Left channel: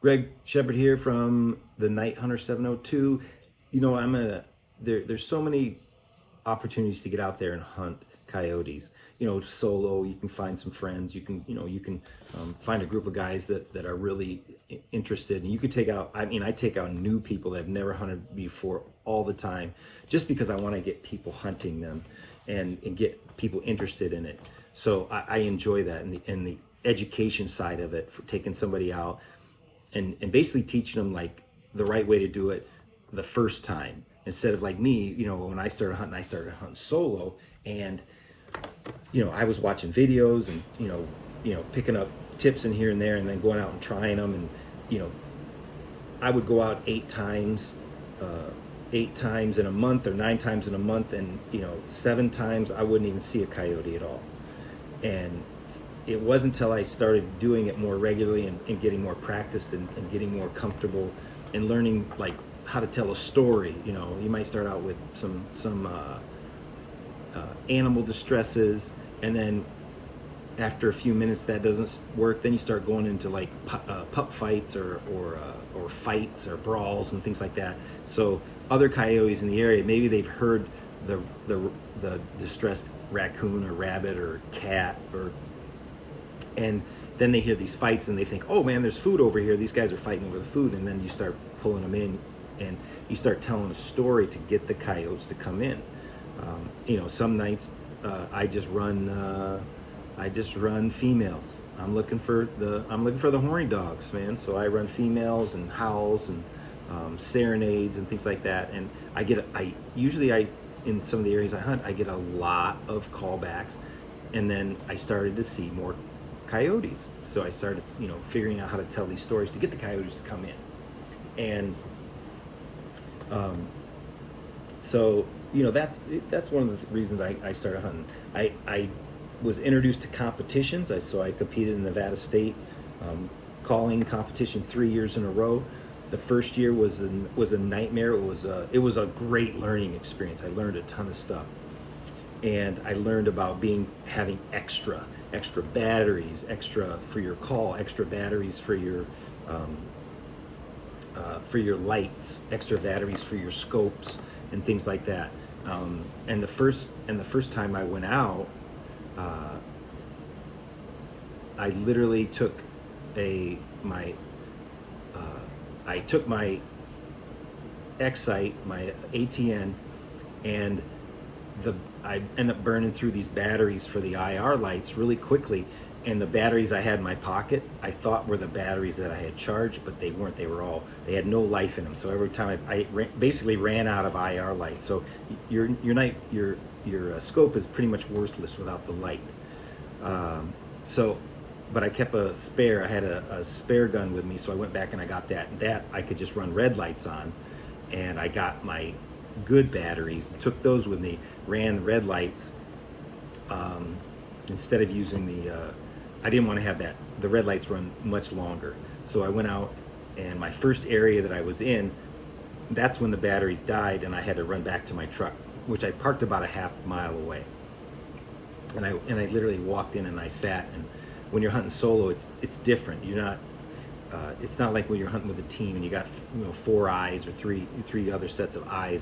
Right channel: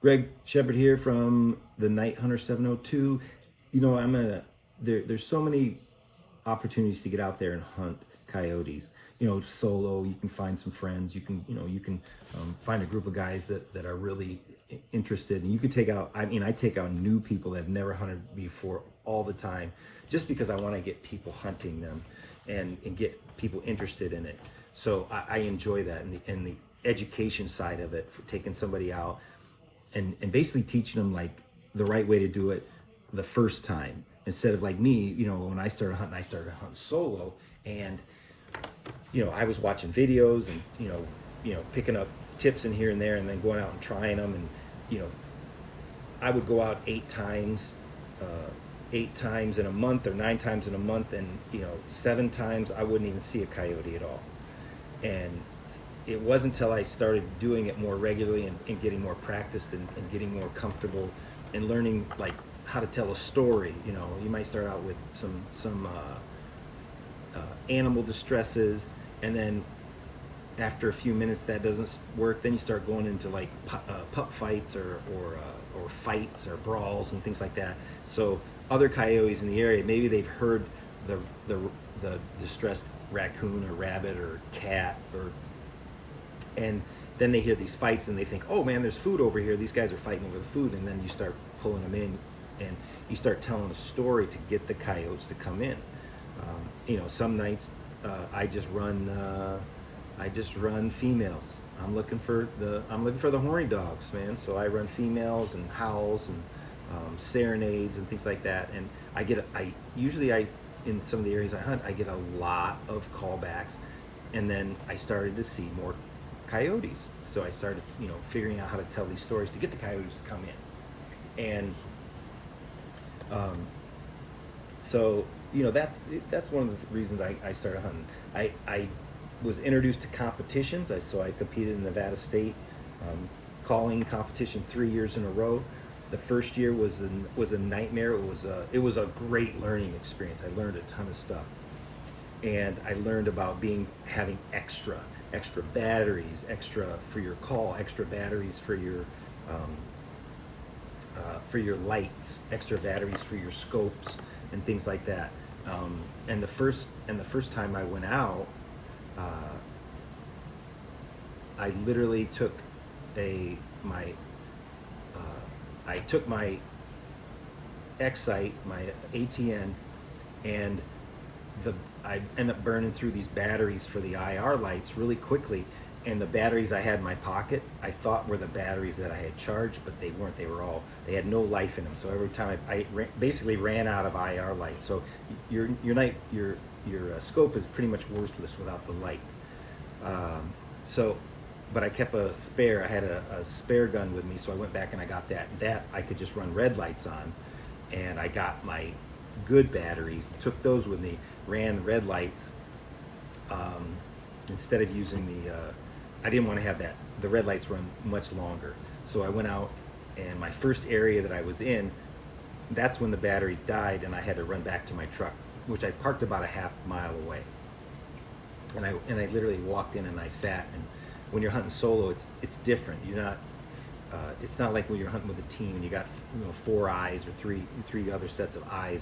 Greg Shepard here from the Night Hunter 702. There's so many opportunities to get out there and hunt coyotes. Solo. You can find some friends. You can find a group of guys that are really interested, and you could take out. I mean, I take out new people that have never hunted before all the time, just because I want to get people hunting them, and get people interested in it. So I enjoy that, and the education side of it, for taking somebody out and basically teaching them like the right way to do it the first time, instead of like me. When I started hunting solo, and I was watching videos, and picking up tips in here and there, and then going out and trying them. And you know I would go out 8 times, 8 times in a month, or 9 times in a month, and 7 times I wouldn't even see a coyote at all. And it wasn't until I started doing it more regularly, and getting more practiced, and getting more comfortable, and learning like how to tell a story. You might start out with some animal distresses, and then after a few minutes that doesn't work, then you start going into like pup fights, or fights, or brawls, and things like that. So other coyotes in the area, maybe they've heard the the distressed raccoon or rabbit or cat, and then they hear these fights, and they think, oh man, there's food over here, these guys are fighting over the food. And then you start pulling them in, and you start telling a story to get the coyotes to come in. Some nights I just run females. I'm looking for the horny dogs, man. So I run females, and howls, and serenades, and things like that. And I usually, in some of the areas I hunt, I get a lot of callbacks. And then I started to see more coyotes. So I started, figuring out how to tell these stories to get the coyotes to come in. And so that's one of the reasons I started hunting. I was introduced to competitions. So I competed in Nevada State calling competition 3 years in a row. The first year was a nightmare. It was a great learning experience. I learned a ton of stuff, and I learned about having extra batteries, extra for your call, extra batteries for your lights, extra batteries for your scopes, and things like that. And the first time I went out, uh, I literally took a my I took my Excite, my ATN, and I ended up burning through these batteries for the IR lights really quickly. And the batteries I had in my pocket, I thought were the batteries that I had charged, but they weren't. They had no life in them. So every time basically ran out of IR lights. So your scope is pretty much worthless without the light. Um, so, but I kept a spare. I had a spare gun with me, so I went back and I got that. That I could just run red lights on, and I got my good batteries, took those with me, ran the red lights, instead of using I didn't want to have that. The red lights run much longer. So I went out, and my first area that I was in, that's when the batteries died, and I had to run back to my truck, which I parked about a half mile away. And I literally walked in, and I sat. And when you're hunting solo, it's different. It's not like when you're hunting with a team and you got 4 eyes, or three other sets of eyes.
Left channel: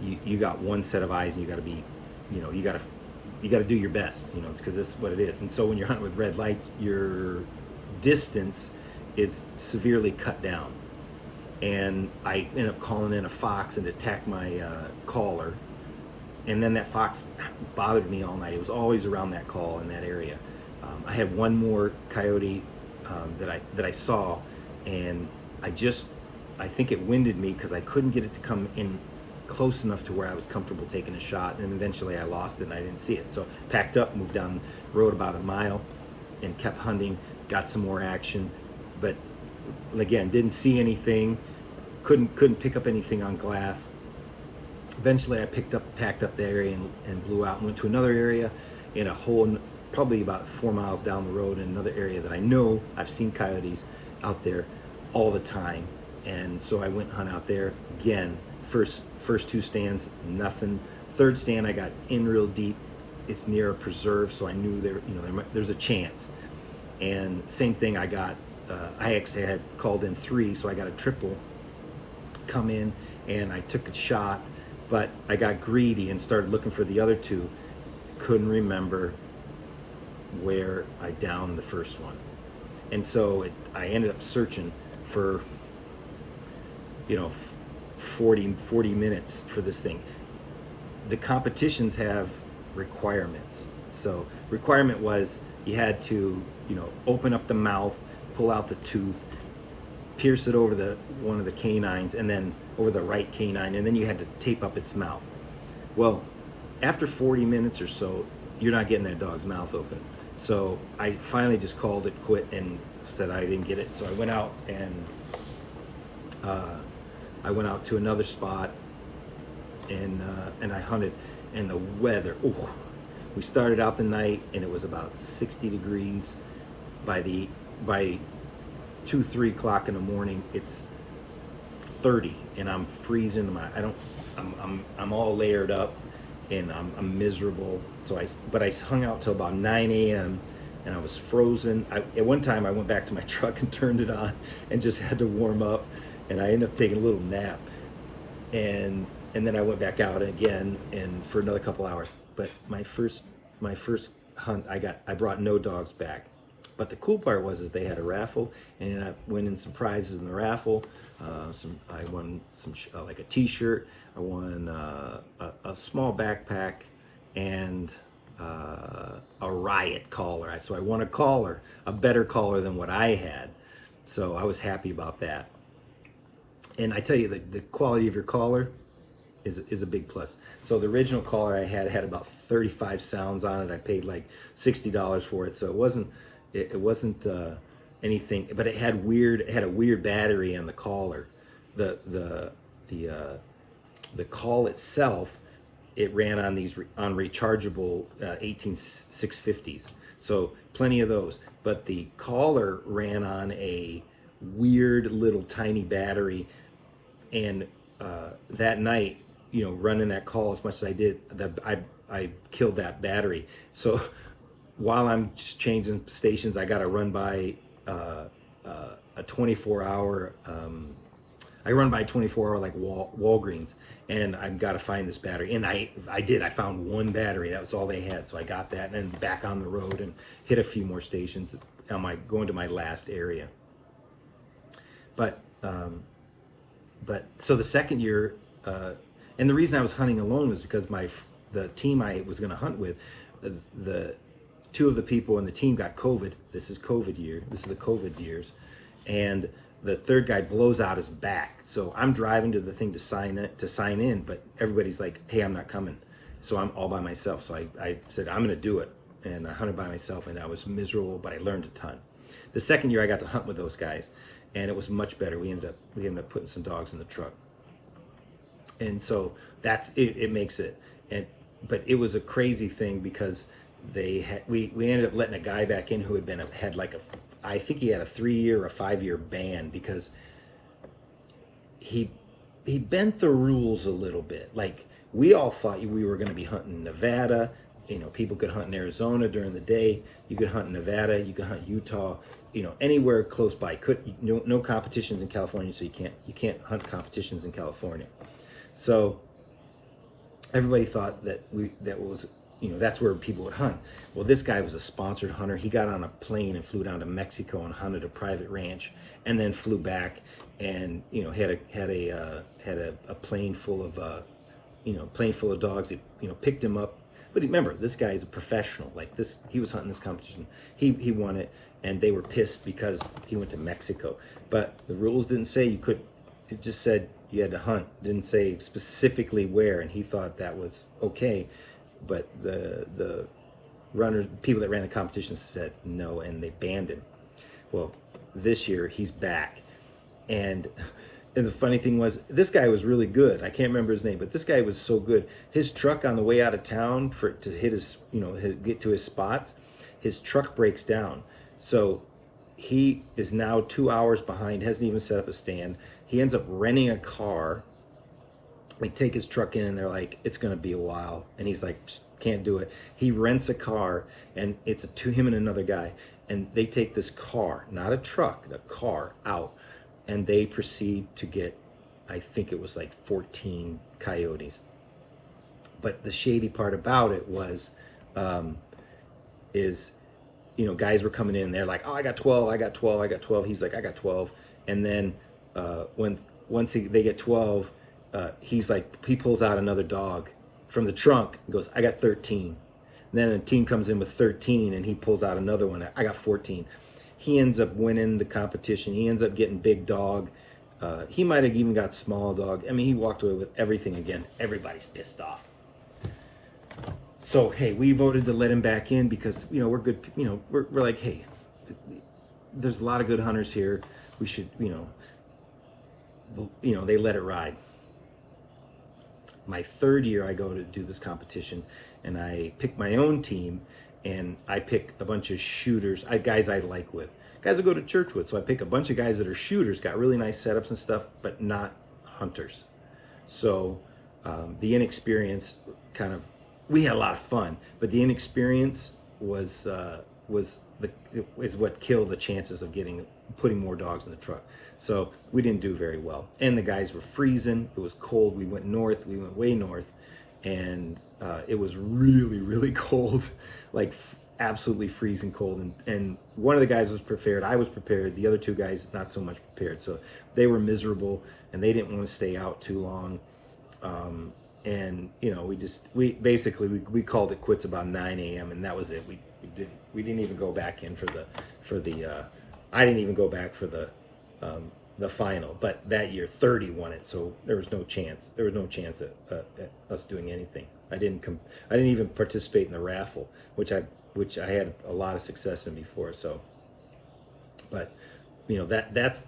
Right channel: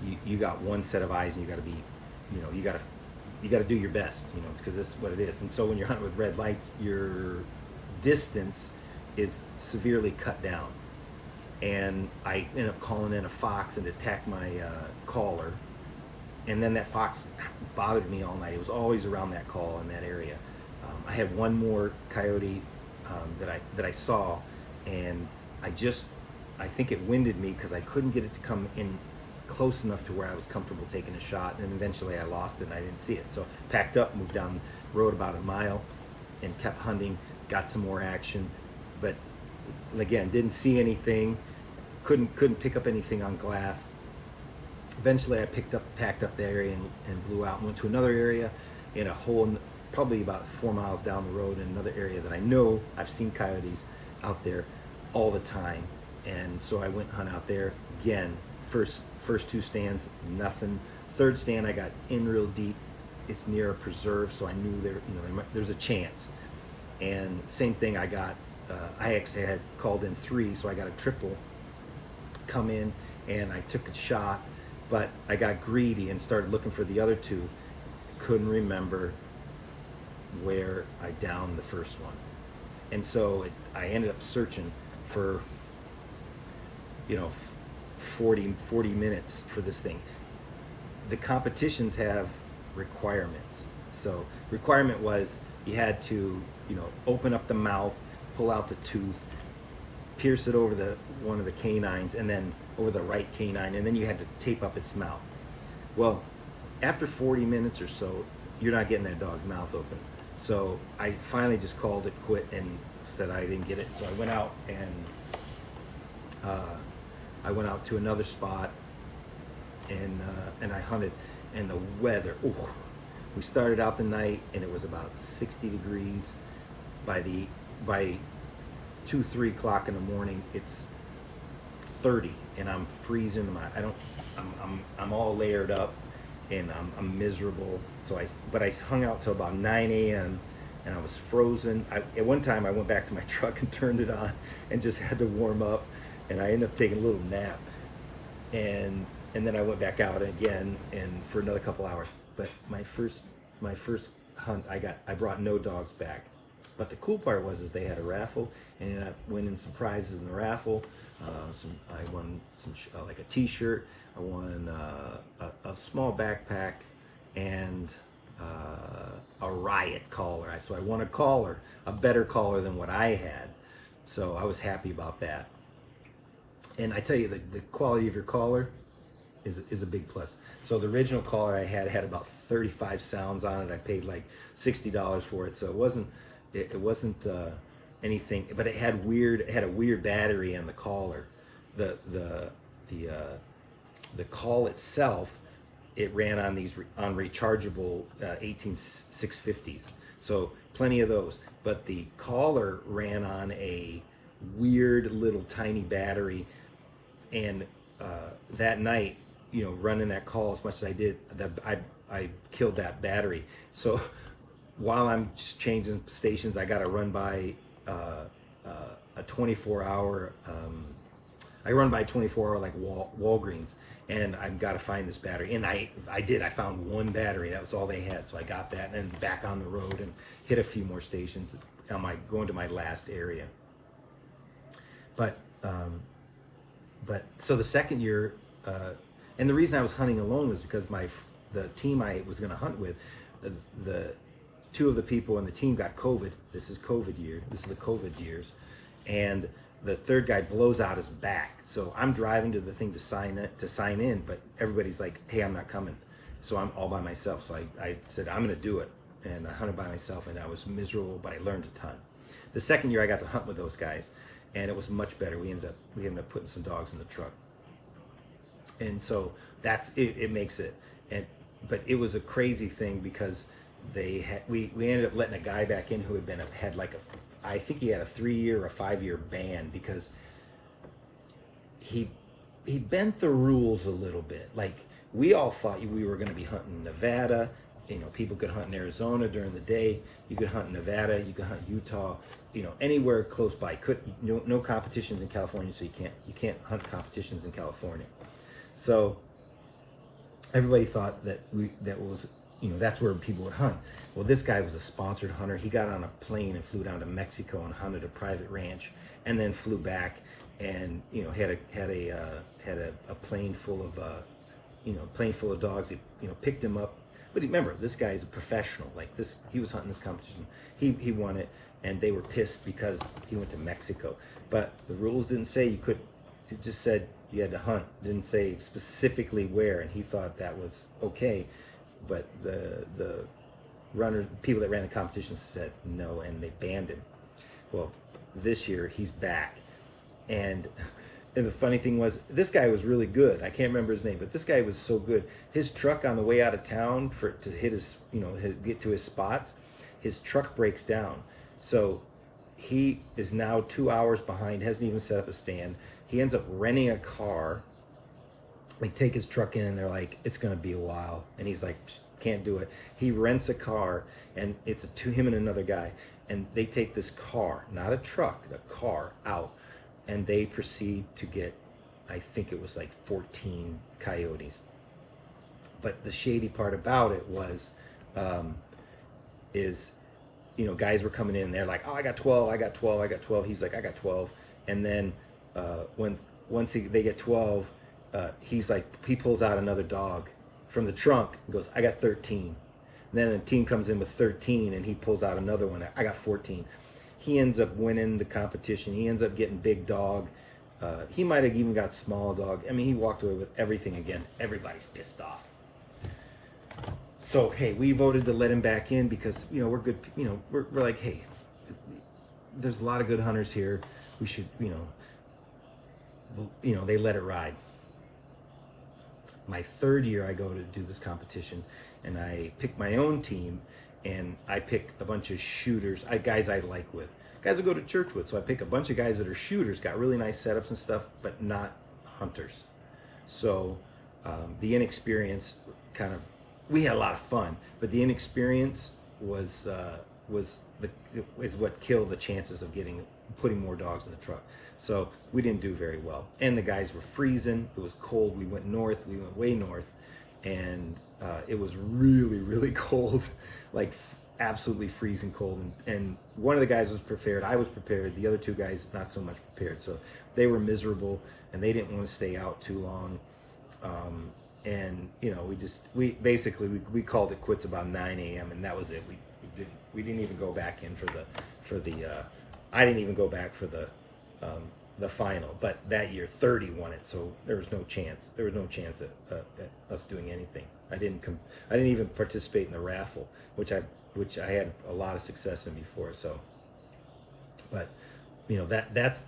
You got one set of eyes, and you got to be, you got to do your best, because this is what it is. And so when you're hunting with red lights, your distance is severely cut down. And I ended up calling in a fox and attacked my caller. And then that fox bothered me all night. It was always around that call in that area. I had one more coyote that I saw, and I think it winded me because I couldn't get it to come in close enough to where I was comfortable taking a shot. And eventually I lost it, and I didn't see it. So packed up, moved down the road about a mile, and kept hunting. Got some more action, but again, didn't see anything. Couldn't pick up anything on glass. Eventually I packed up the area, and blew out and went to another area in a hole probably about 4 miles down the road, in another area that I know I've seen coyotes out there all the time. And so I went and hunt out there again. First 2 stands, nothing. Third stand, I got in real deep. It's near a preserve, so I knew there's a chance. And same thing, I got I actually had called in 3, so I got a triple come in, and I took a shot, but I got greedy and started looking for the other 2. Couldn't remember where I downed the first one, and so I ended up searching for, you know, 40 minutes for this thing. The competitions have requirements. So requirement was you had to, open up the mouth, pull out the tooth, pierce it over one of the canines, and then over the right canine, and then you had to tape up its mouth. Well, after 40 minutes or so, you're not getting that dog's mouth open. So I finally just called it quit and said I didn't get it. So I went out and to another spot, and I hunted, and the weather. Ooh, we started out the night, and it was about 60 degrees. By 2-3 o'clock in the morning, it's 30, and I'm freezing. I'm all layered up, and I'm miserable. But I hung out till about 9 a.m. and I was frozen. At one time, I went back to my truck and turned it on, and just had to warm up. And I ended up taking a little nap, and then I went back out again and for another couple hours. But my first hunt, I brought no dogs back. But the cool part was they had a raffle, and I winning some prizes in the raffle. I won like a T-shirt. I won a small backpack and a riot collar. So I won a collar, a better collar than what I had. So I was happy about that. And I tell you, the quality of your collar is a big plus. So the original collar I had about 35 sounds on it. I paid like $60 for it, so it wasn't anything. But it had a weird battery on the collar. The call itself, it ran on rechargeable 18650s. So plenty of those. But the collar ran on a weird little tiny battery. And that night, running that call as much as I did, I killed that battery. So while I'm changing stations, I got to run by a 24-hour. I run by 24-hour like Walgreens, and I've got to find this battery. And I did. I found one battery. That was all they had. So I got that, and then back on the road and hit a few more stations. Going to my last area. But so the second year, and the reason I was hunting alone was because the team I was going to hunt with, the 2 of the people in the team got COVID. This is COVID year. This is the COVID years, and the 3rd guy blows out his back. So I'm driving to the thing to sign in, but everybody's like, "Hey, I'm not coming." So I'm all by myself. So I said I'm going to do it, and I hunted by myself, and I was miserable, but I learned a ton. The second year I got to hunt with those guys, and it was much better. We ended up putting some dogs in the truck, and so that's it. It makes it, but it was a crazy thing because we ended up letting a guy back in who had like I think he had a 3-year or a 5-year ban because he bent the rules a little bit. Like, we all thought we were going to be hunting in Nevada. People could hunt in Arizona during the day. You could hunt in Nevada. You could hunt Utah. Anywhere close by. No competitions in California, so you can't hunt competitions in California. So everybody thought that's where people would hunt. Well, this guy was a sponsored hunter. He got on a plane and flew down to Mexico and hunted a private ranch, and then flew back and had a plane full of dogs. He picked him up. But remember, this guy is a professional. Like this, he was hunting this competition. He won it, and they were pissed because he went to Mexico. But the rules didn't say you could. It just said you had to hunt. It didn't say specifically where, and he thought that was okay. But the people that ran the competition said no, and they banned him. Well, this year he's back, and the funny thing was, this guy was really good. I can't remember his name, but this guy was so good. His truck on the way out of town to hit get to his spots, his truck breaks down. So he is now 2 hours behind, hasn't even set up a stand. He ends up renting a car. They take his truck in, and they're like, "It's going to be a while." And he's like, "Can't do it." He rents a car, and it's him and another guy. and they take this car, not a truck, a car out, and they proceed to get, I think it was like 14 coyotes. But the shady part about it was, um, is, guys were coming in, they're like, oh, I got 12, I got 12, I got 12. He's like, I got 12. And then when they get 12, he's like, he pulls out another dog from the trunk and goes, I got 13. And then a team comes in with 13 and he pulls out another one, I got 14. He ends up winning the competition. He ends up getting big dog. He might have even got small dog. I mean, he walked away with everything again. Everybody's pissed off. So, hey, we voted to let him back in because, we're good. We're like, hey, there's a lot of good hunters here. We should, they let it ride. My third year, I go to do this competition, and I pick my own team, and I pick a bunch of shooters, guys I like with, guys I go to church with. So I pick a bunch of guys that are shooters, got really nice setups and stuff, but not hunters. So the inexperience kind of, we had a lot of fun, but the inexperience was is what killed the chances of putting more dogs in the truck. So we didn't do very well, and the guys were freezing. It was cold. We went north. We went way north, and it was really, really cold, like absolutely freezing cold. And one of the guys was prepared. I was prepared. The other two guys not so much prepared. So they were miserable, and they didn't want to stay out too long. And we basically called it quits about 9 a.m. and that was it. We didn't even go back in for the I didn't even go back for the final. But that year 30 won it, so there was no chance. There was no chance at us doing anything. I didn't even participate in the raffle, which I had a lot of success in before. So, but that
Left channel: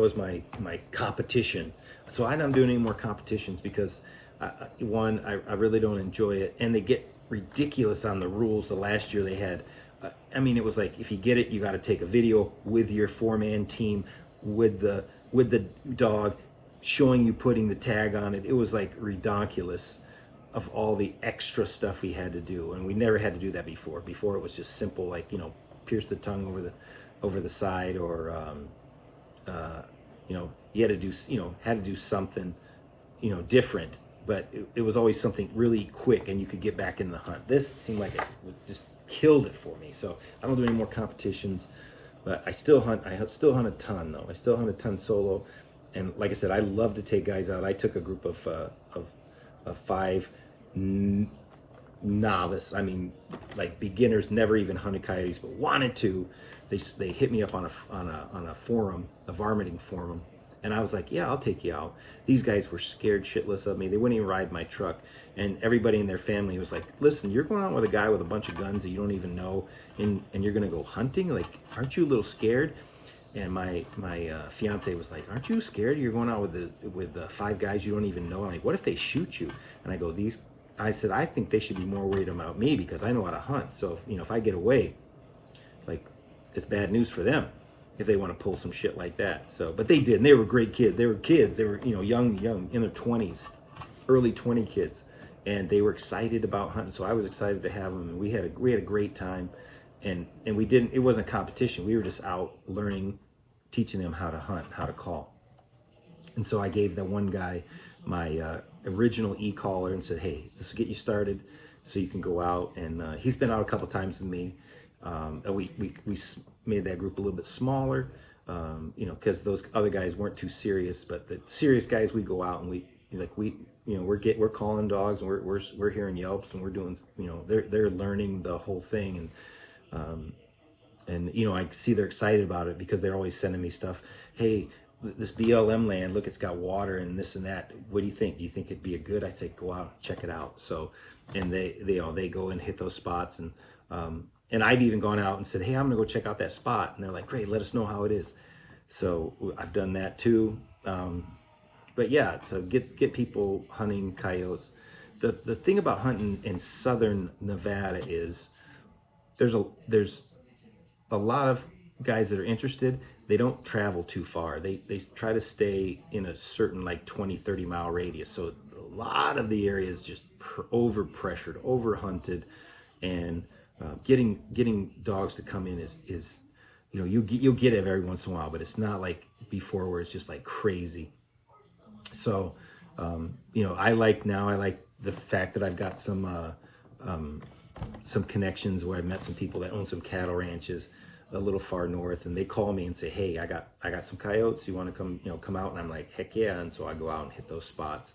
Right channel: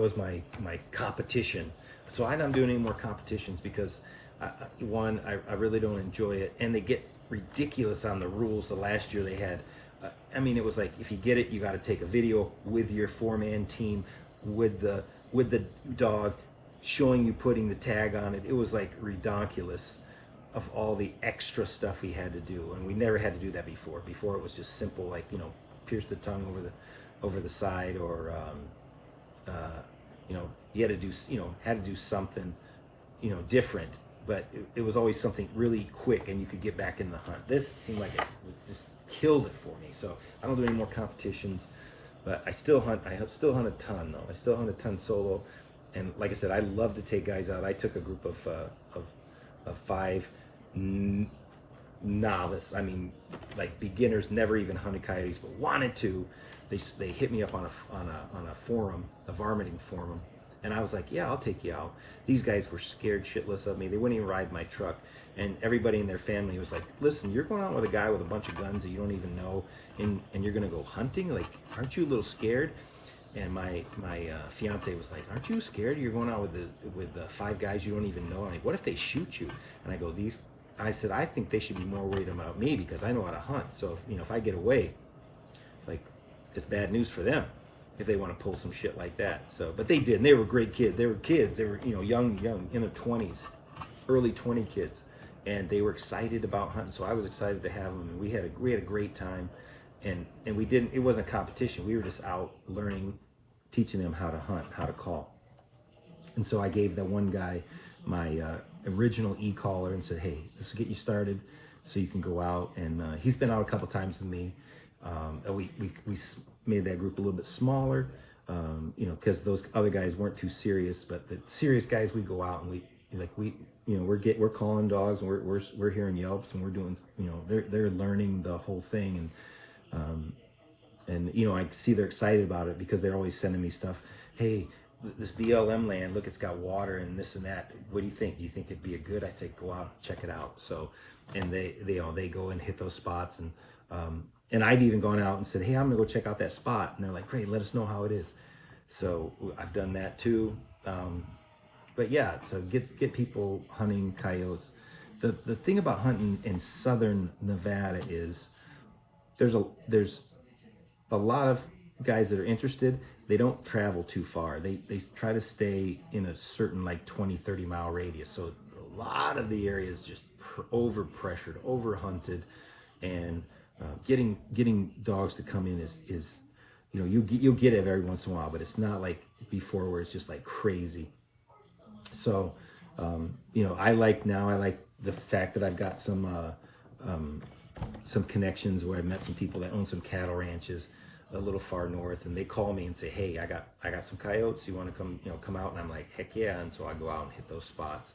was my competition. So I'm not doing any more competitions because I really don't enjoy it, and they get ridiculous on the rules. The last year they had, it was like, if you get it, you got to take a video with your 4-man team with the dog, showing you putting the tag on it. It was like ridiculous of all the extra stuff we had to do, and we never had to do that before. Before it was just simple, like pierce the tongue over the side, or you had to do something different. But it was always something really quick, and you could get back in the hunt. This seemed like it just killed it for me. So I don't do any more competitions, but I still hunt. I still hunt a ton, though. I still hunt a ton solo, and like I said, I love to take guys out. I took a group of 5 novice. Like beginners, never even hunted coyotes, but wanted to. They hit me up on a forum, a varminting forum. And I was like, yeah, I'll take you out. These guys were scared shitless of me. They wouldn't even ride my truck. And everybody in their family was like, listen, you're going out with a guy with a bunch of guns that you don't even know, and you're going to go hunting? Like, aren't you a little scared? And my fiance was like, aren't you scared? You're going out with 5 guys you don't even know. I'm like, what if they shoot you? And I go, I said, I think they should be more worried about me because I know how to hunt. So, if I get away, like, it's bad news for them if they want to pull some shit like that. So, but they did, and they were great kids. They were young, in their 20s, early 20 kids, and they were excited about hunting. So I was excited to have them, and we had a great time, and we didn't. It wasn't a competition. We were just out learning, teaching them how to hunt, how to call. And so I gave the one guy my original e-collar and said, hey, this will get you started, so you can go out. And he's been out a couple times with me. And we made that group a little bit smaller, because those other guys weren't too serious. But the serious guys, we go out and we're calling dogs, and we're hearing yelps, and we're doing, they're learning the whole thing, and I see they're excited about it because they're always sending me stuff. Hey, this BLM land, look, it's got water and this and that. What do you think? Do you think it'd be a good? I say, go out, check it out. So, and they go and hit those spots, and I've even gone out and said, hey, I'm gonna go check out that spot, and they're like, great, let us know how it is. So I've done that too. But yeah, so get people hunting coyotes. The thing about hunting in southern Nevada is there's a lot of guys that are interested. They don't travel too far. They try to stay in a certain, like, 20-30 mile radius. So a lot of the area is just over pressured, over hunted, and Getting dogs to come in is you know, you'll get it every once in a while, but it's not like before where it's just like crazy. So, you know, I like the fact that I've got some connections where I met some people that own some cattle ranches a little far north, and they call me and say, "Hey, I got some coyotes. You want to come, you know, come out?" And I'm like, "Heck yeah!" And so I go out and hit those spots.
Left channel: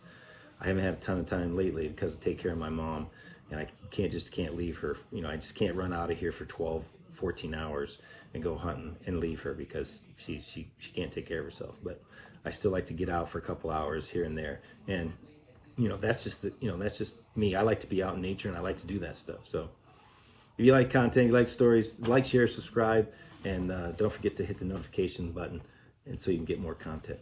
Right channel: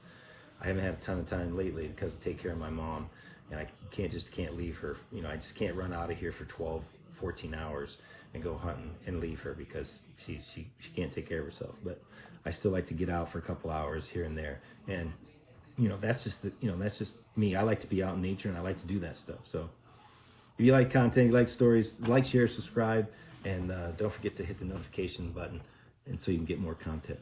I haven't had a ton of time lately because I take care of my mom, and I can't leave her. You know, I just can't run out of here for 12, 14 hours and go hunting and leave her because she can't take care of herself. But I still like to get out for a couple hours here and there, and you know, that's just me. I like to be out in nature and I like to do that stuff. So if you like content, you like stories, like, share, subscribe, and don't forget to hit the notification button, and so you can get more content.